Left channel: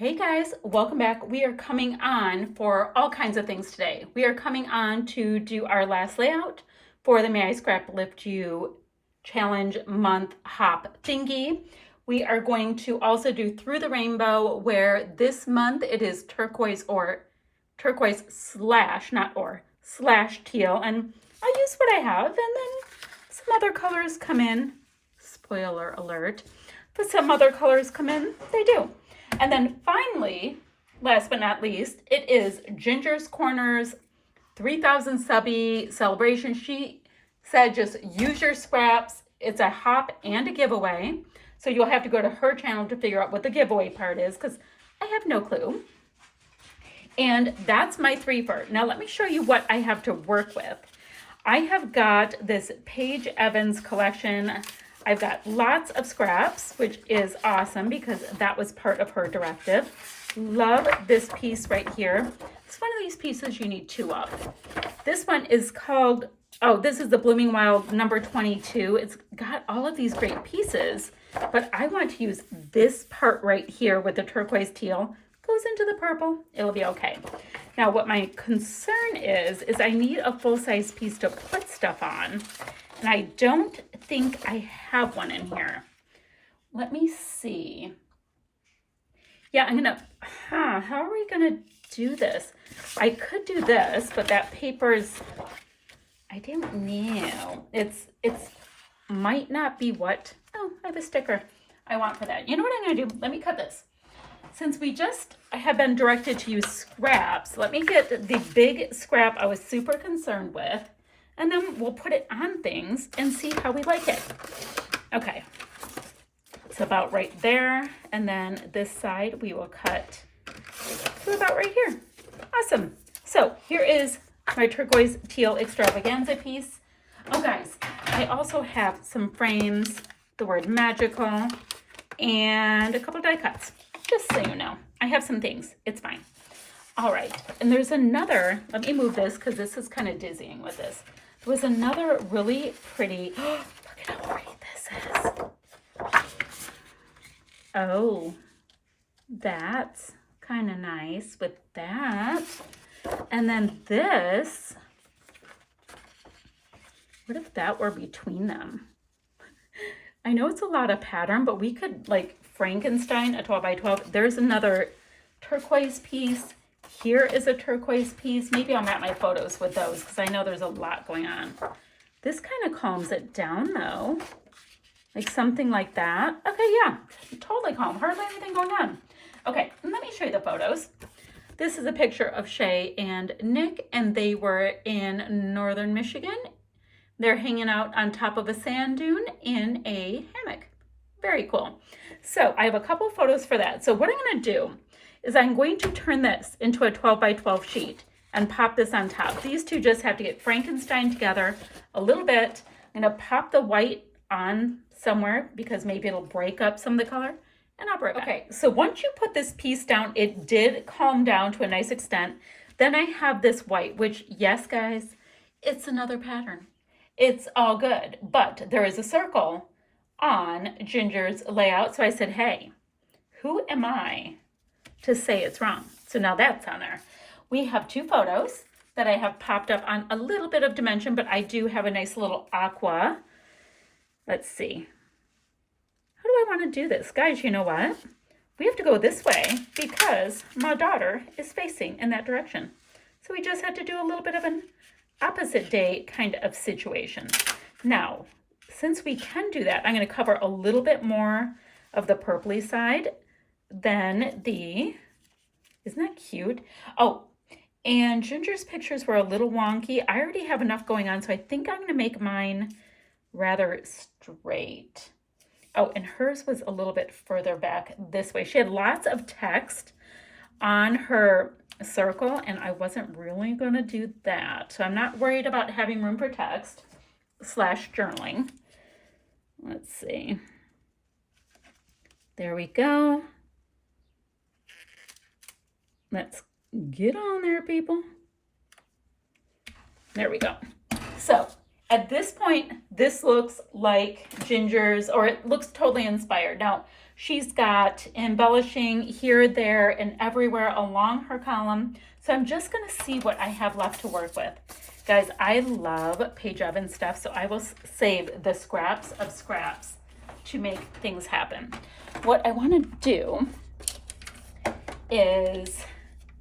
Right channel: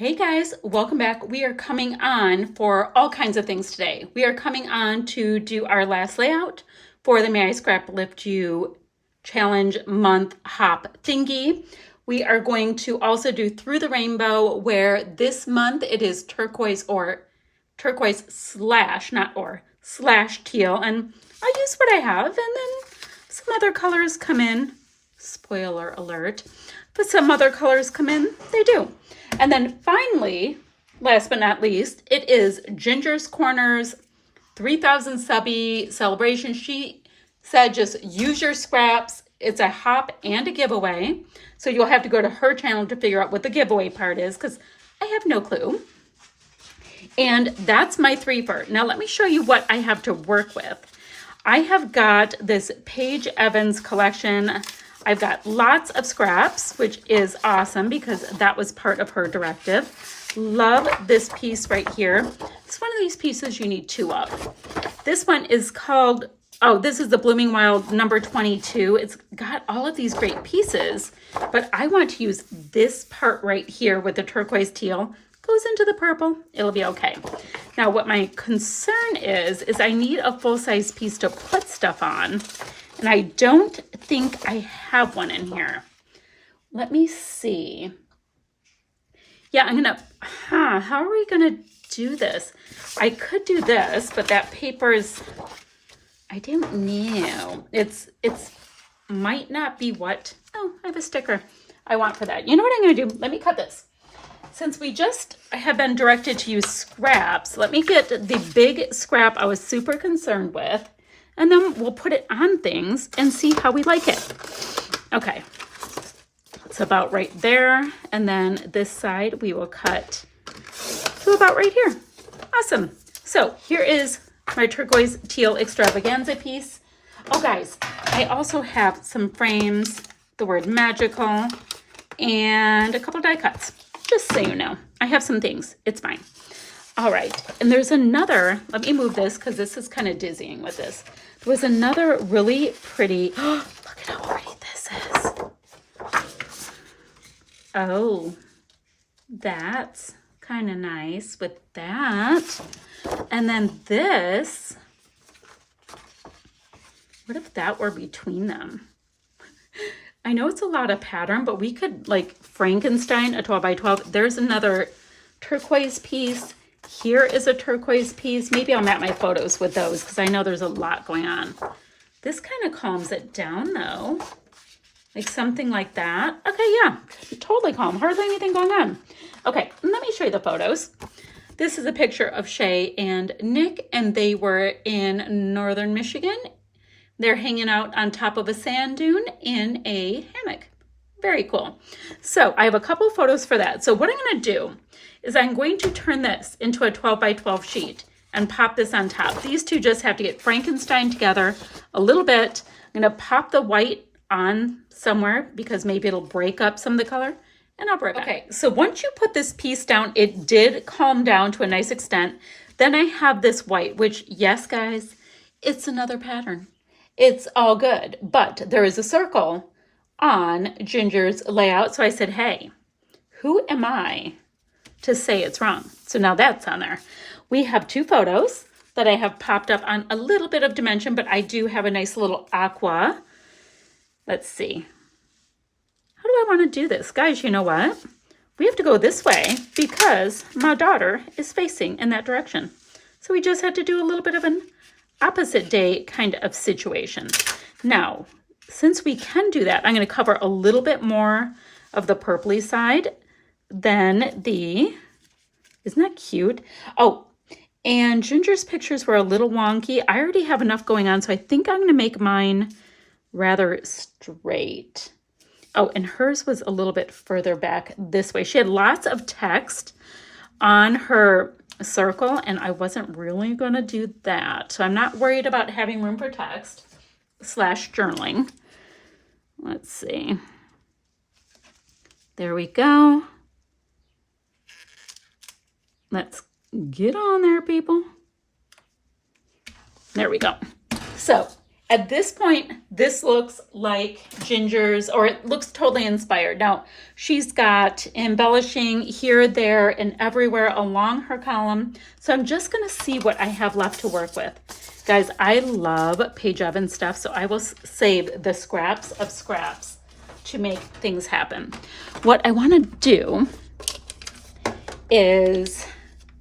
Hey guys, welcome back. We are coming on for all kinds of things today. We are coming on to do our last layout for the May I Scrap Lift You Challenge Month Hop thingy. We are going to also do Through the Rainbow, where this month it is turquoise slash, not or, slash teal. And I use what I have, and then some other colors come in. Spoiler alert. But some other colors come in, they do. And then finally, last but not least, it is Ginger's Corner's 3,000 subby celebration. She said just use your scraps. It's a hop and a giveaway. So you'll have to go to her channel to figure out what the giveaway part is, because I have no clue. And that's my threefer. Now let me show you what I have to work with. I have got this Paige Evans collection. I've got lots of scraps, which is awesome because that was part of her directive. Love this piece right here. It's one of these pieces you need two of. This one is called, this is the Blooming Wild number 22. It's got all of these great pieces, but I want to use this part right here with the turquoise teal. Goes into the purple, it'll be okay. Now what my concern is I need a full-size piece to put stuff on. And I don't think I have one in here. Let me see. Yeah, I'm gonna, how are we gonna do this? I could do this, but that paper is, I don't know. It's might not be what, I have a sticker I want for that. You know what I'm gonna do? Let me cut this. Since I have been directed to use scraps, let me get the big scrap I was super concerned with. And then we'll put it on things and see how we like it. Okay, it's about right there. And then this side we will cut to about right here. Awesome. So here is my turquoise teal extravaganza piece. Oh guys, I also have some frames, the word magical, and a couple die cuts. Just so you know, I have some things. It's fine. All right, and there's another, let me move this because this is kind of dizzying with this. There was another really pretty, look at how pretty this is. Oh, that's kind of nice with that. And then this, what if that were between them? I know it's a lot of pattern, but we could like Frankenstein a 12 by 12. There's another turquoise piece. Here is a turquoise piece. Maybe I'll map my photos with those because I know there's a lot going on. This kind of calms it down though. Like something like that. Okay, yeah, totally calm. Hardly anything going on. Okay, let me show you the photos. This is a picture of Shay and Nick, and they were in northern Michigan. They're hanging out on top of a sand dune in a hammock. Very cool. So I have a couple photos for that. So what I'm going to do is I'm going to turn this into a 12 by 12 sheet and pop this on top. These two just have to get Frankenstein together a little bit. I'm going to pop the white on somewhere because maybe it'll break up some of the color, and I'll break it. Okay, so once you put this piece down, it did calm down to a nice extent. Then I have this white, which, yes, guys, it's another pattern. It's all good, but there is a circle on Ginger's layout. So I said, hey, who am I to say it's wrong? So now that's on there. We have two photos that I have popped up on a little bit of dimension, but I do have a nice little aqua. Let's see. How do I want to do this? Guys, you know what? We have to go this way because my daughter is facing in that direction. So we just had to do a little bit of an opposite day kind of situation. Now, since we can do that, I'm going to cover a little bit more of the purpley side than the, isn't that cute? Oh, and Ginger's pictures were a little wonky. I already have enough going on, so I think I'm going to make mine rather straight. Oh, and hers was a little bit further back this way. She had lots of text on her circle, and I wasn't really going to do that. So I'm not worried about having room for text / journaling. Let's see. There we go. Let's get on there, people. There we go. So At this point, this looks like Ginger's, or it looks totally inspired. Now, she's got embellishing here, there, and everywhere along her column. So I'm just going to see what I have left to work with. Guys, I love Paige Evans stuff, so I will save the scraps of scraps to make things happen. What I want to do is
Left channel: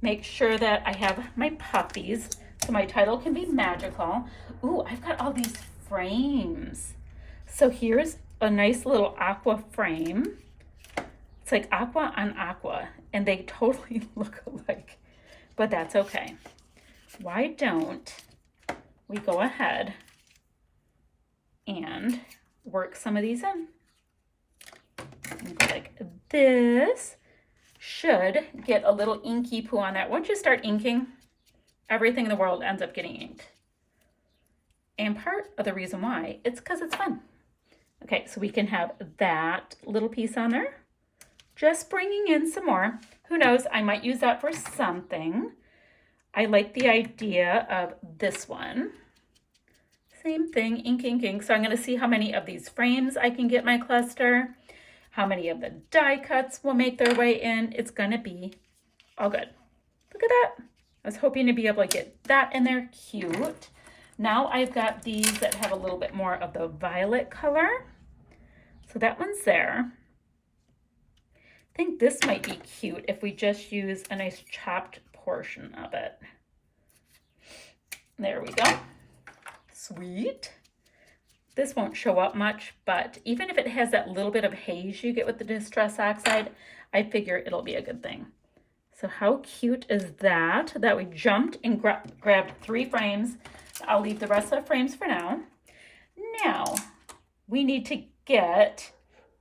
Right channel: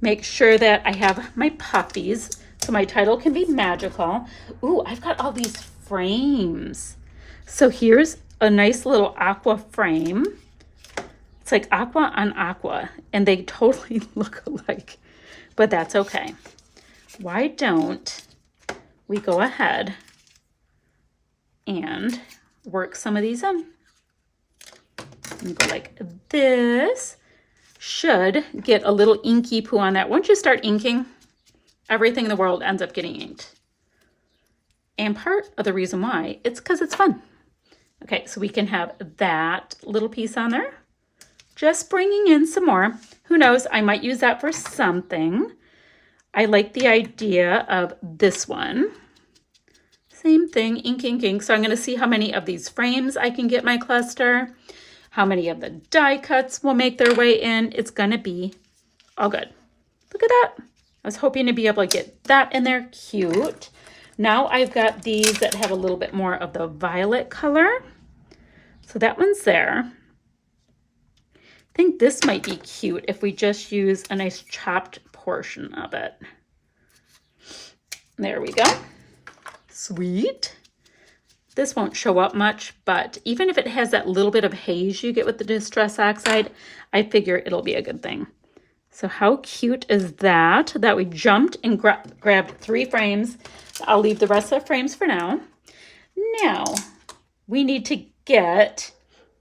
make sure that I have my puppies, so my title can be magical. Ooh, I've got all these frames. So here's a nice little aqua frame. It's like aqua on aqua, and they totally look alike, but that's okay. Why don't we go ahead and work some of these in? And go like this. Should get a little inky poo on that. Once you start inking, everything in the world ends up getting inked. And part of the reason why, it's because it's fun. Okay, so we can have that little piece on there. Just bringing in some more. Who knows, I might use that for something. I like the idea of this one. Same thing, ink, ink, ink. So I'm going to see how many of these frames I can get my cluster. How many of the die cuts will make their way in. It's going to be all good. Look at that. I was hoping to be able to get that in there. Cute. Now I've got these that have a little bit more of the violet color. So that one's there. I think this might be cute if we just use a nice chopped portion of it. There we go. Sweet. This won't show up much, but even if it has that little bit of haze you get with the Distress Oxide, I figure it'll be a good thing. So how cute is that? That we jumped and grabbed 3 frames. I'll leave the rest of the frames for now. Now, we need to get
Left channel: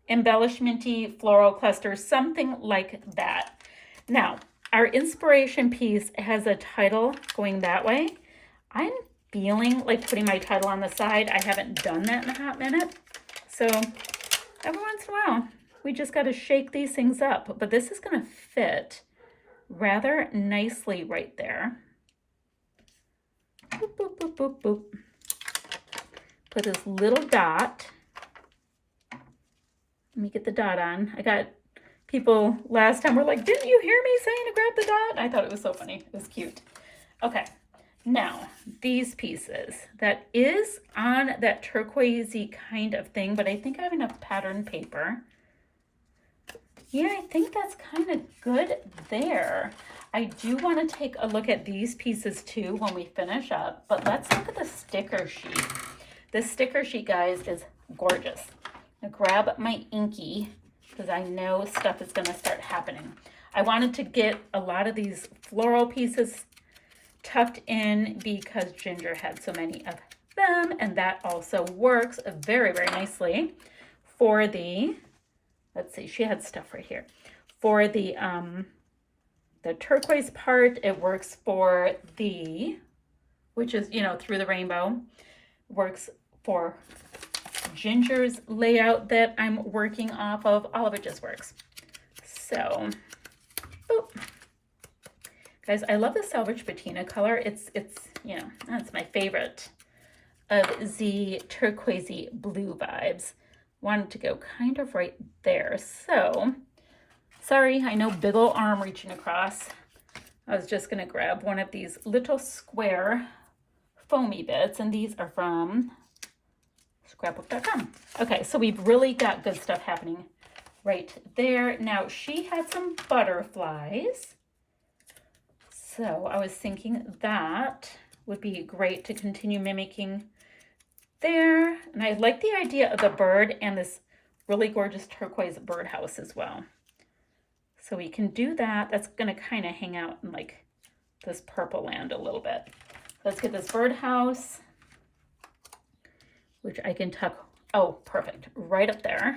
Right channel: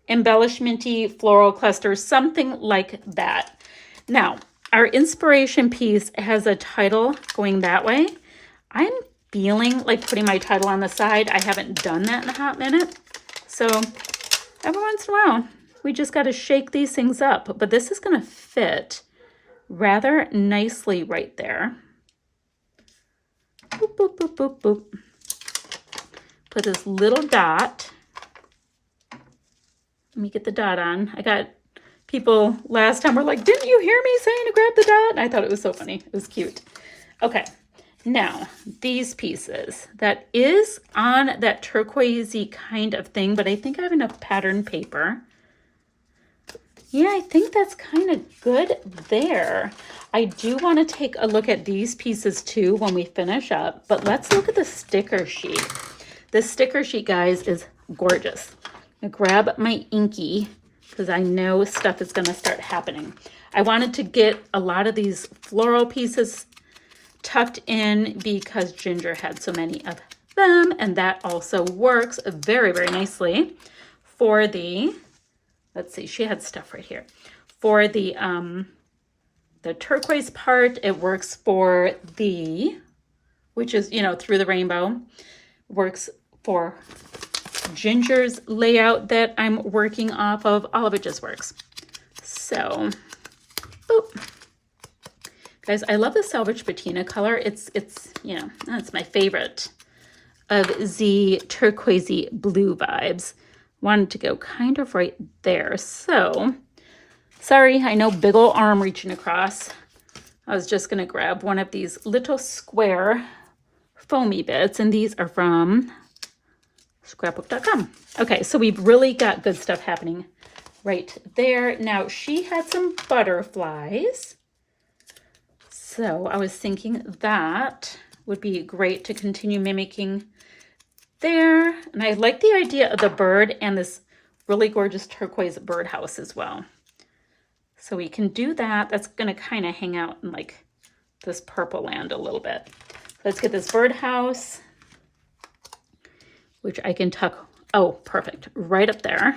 embellishment-y floral clusters, something like that. Now, our inspiration piece has a title going that way. I'm feeling like putting my title on the side. I haven't done that in a hot minute. So every once in a while, we just got to shake these things up. But this is going to fit rather nicely right there. Boop, boop, boop, boop, boop. Put this little dot. Let me get the dot on. I got people last time were like, didn't you hear me saying to grab the dot? And I thought it was so funny. It was cute. Okay. Now, these pieces, that is on that turquoisey kind of thing, but I think I have enough pattern paper. Yeah, I think that's kind of good there. I do want to take a look at these pieces too when we finish up, but let's look at the sticker sheet. This sticker sheet, guys, is gorgeous. I grab my inky because I know stuff is going to start happening. I wanted to get a lot of these floral pieces tucked in because Ginger had so many of them, and that also works very, very nicely for the, let's see, she had stuff right here. For the turquoise part, it works for the, which is, you know, through the rainbow, works for Ginger's layout that I'm working off of. All of it just works. So, boop. Guys, I love the Salvage Patina color. It's you know, that's my favorite of the turquoisey blue vibes. Wanted to go kind of right there. So, sorry, I know big ol' arm reaching across. I was just going to grab one of these little square foamy bits, and these are from scrapbook.com. Okay, so we've really got good stuff happening right there. Now, she had some butterflies. So I was thinking that would be great to continue mimicking there. And I like the idea of the bird and this really gorgeous turquoise birdhouse as well. So we can do that. That's going to kind of hang out in like this purple land a little bit. Let's get this birdhouse, which I can tuck, oh, perfect, right up there.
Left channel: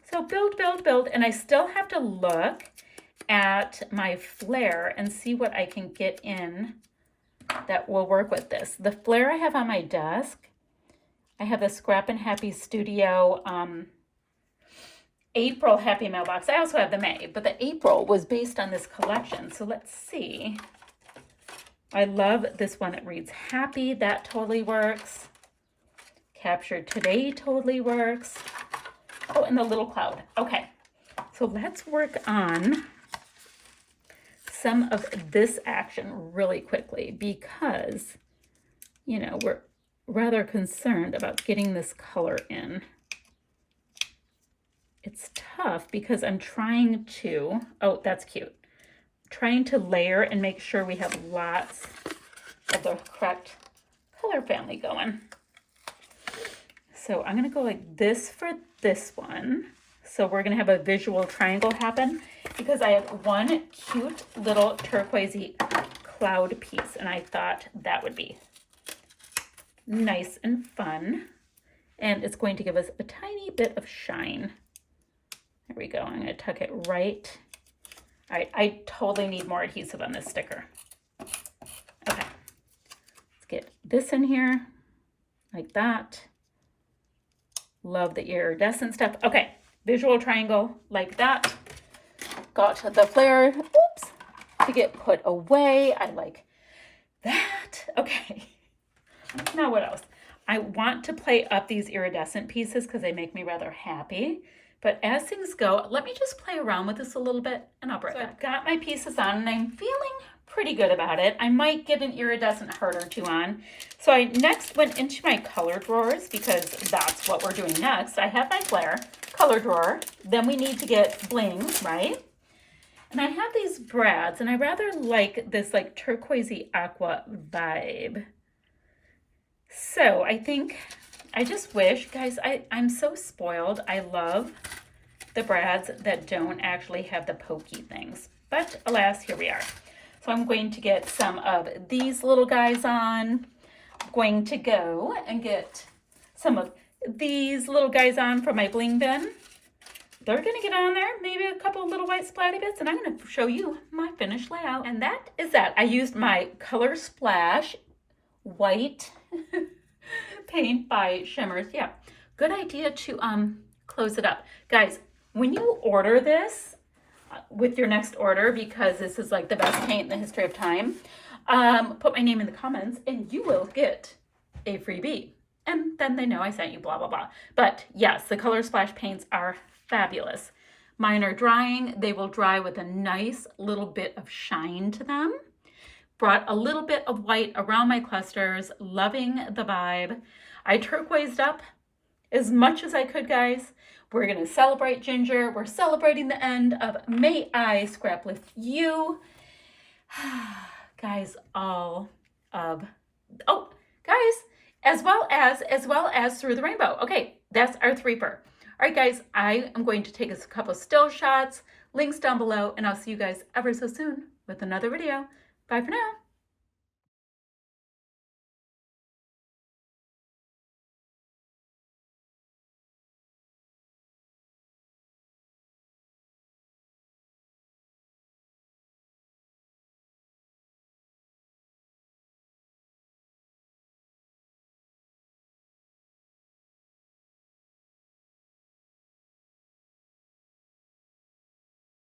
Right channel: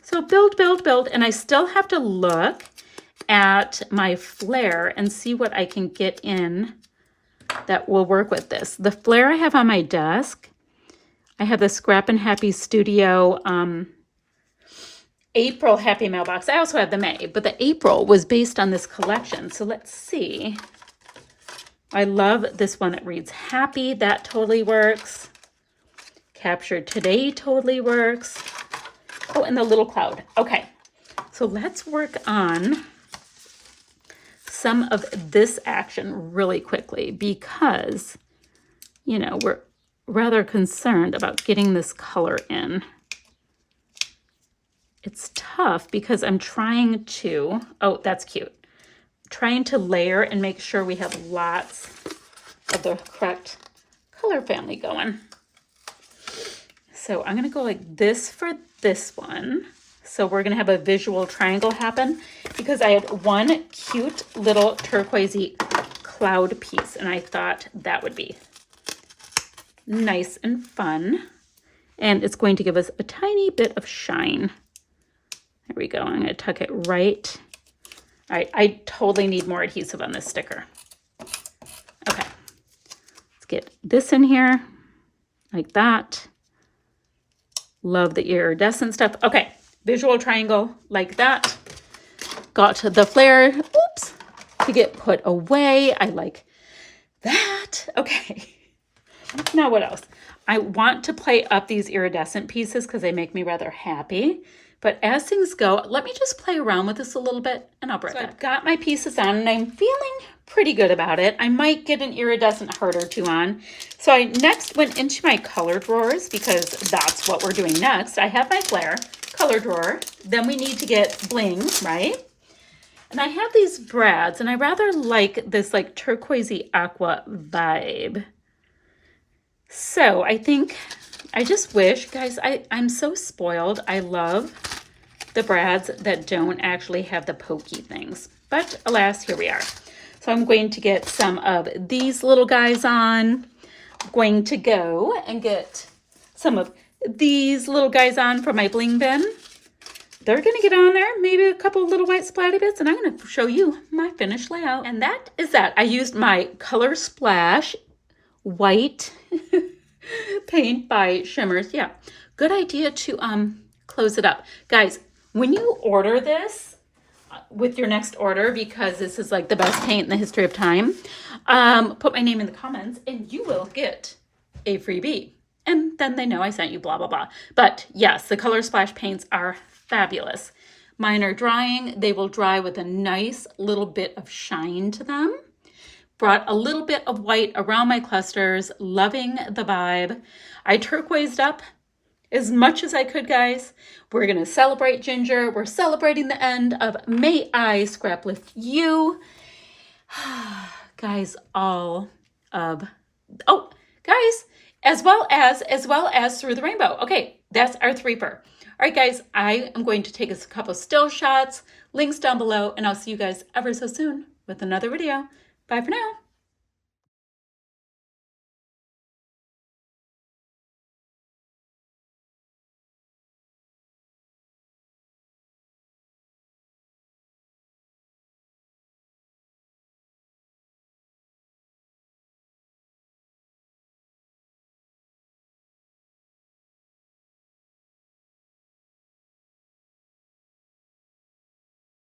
So build, build, build. And I still have to look at my flare and see what I can get in that will work with this. The flare I have on my desk, I have the Scrap and Happy Studio April Happy Mailbox. I also have the May, but the April was based on this collection. So let's see I love this one that reads happy. That totally works. Captured today totally works. Oh, and the little cloud. Okay, so let's work on some of this action really quickly because, you know, we're rather concerned about getting this color in. It's tough because I'm trying to, oh, that's cute. Trying to layer and make sure we have lots of the correct color family going. So I'm gonna go like this for this one. So we're gonna have a visual triangle happen because I had one cute little turquoisey cloud piece and I thought that would be nice and fun. And it's going to give us a tiny bit of shine. There we go, I'm gonna tuck it right. I totally need more adhesive on this sticker. Okay, let's get this in here like that. Love the iridescent stuff. Okay, visual triangle like that. Got the flare, oops, to get put away. I like that. Okay, now what else? I want to play up these iridescent pieces because they make me rather happy. But as things go, let me just play around with this a little bit and I'll break it. I've got my pieces on and I'm feeling pretty good about it. I might get an iridescent heart or two on. So I next went into my color drawers because that's what we're doing next. I have my flare color drawer. Then we need to get bling, right? And I have these brads and I rather like this like turquoisey aqua vibe. So I think, I just wish, guys, I'm so spoiled. I love the brads that don't actually have the pokey things. But alas, here we are. So I'm going to get some of these little guys on. I'm going to go and get some of these little guys on for my bling bin. They're going to get on there, maybe a couple of little white splatty bits, and I'm going to show you my finished layout. And that is that. I used my Color Splash white paint by Shimmers. Yeah, good idea to close it up. Guys, when you order this with your next order, because this is like the best paint in the history of time, put my name in the comments and you will get a freebie. And then they know I sent you blah, blah, blah. But yes, the Color Splash paints are fabulous. Mine are drying. They will dry with a nice little bit of shine to them. Brought a little bit of white around my clusters, loving the vibe. I turquoised up as much as I could, guys. We're gonna celebrate Ginger. We're celebrating the end of May I Scrap with You. Guys, all of, oh, guys, as well as Through the Rainbow. Okay, that's our threefer. All right, guys, I am going to take a couple still shots, links down below, and I'll see you guys ever so soon with another video. Bye for now.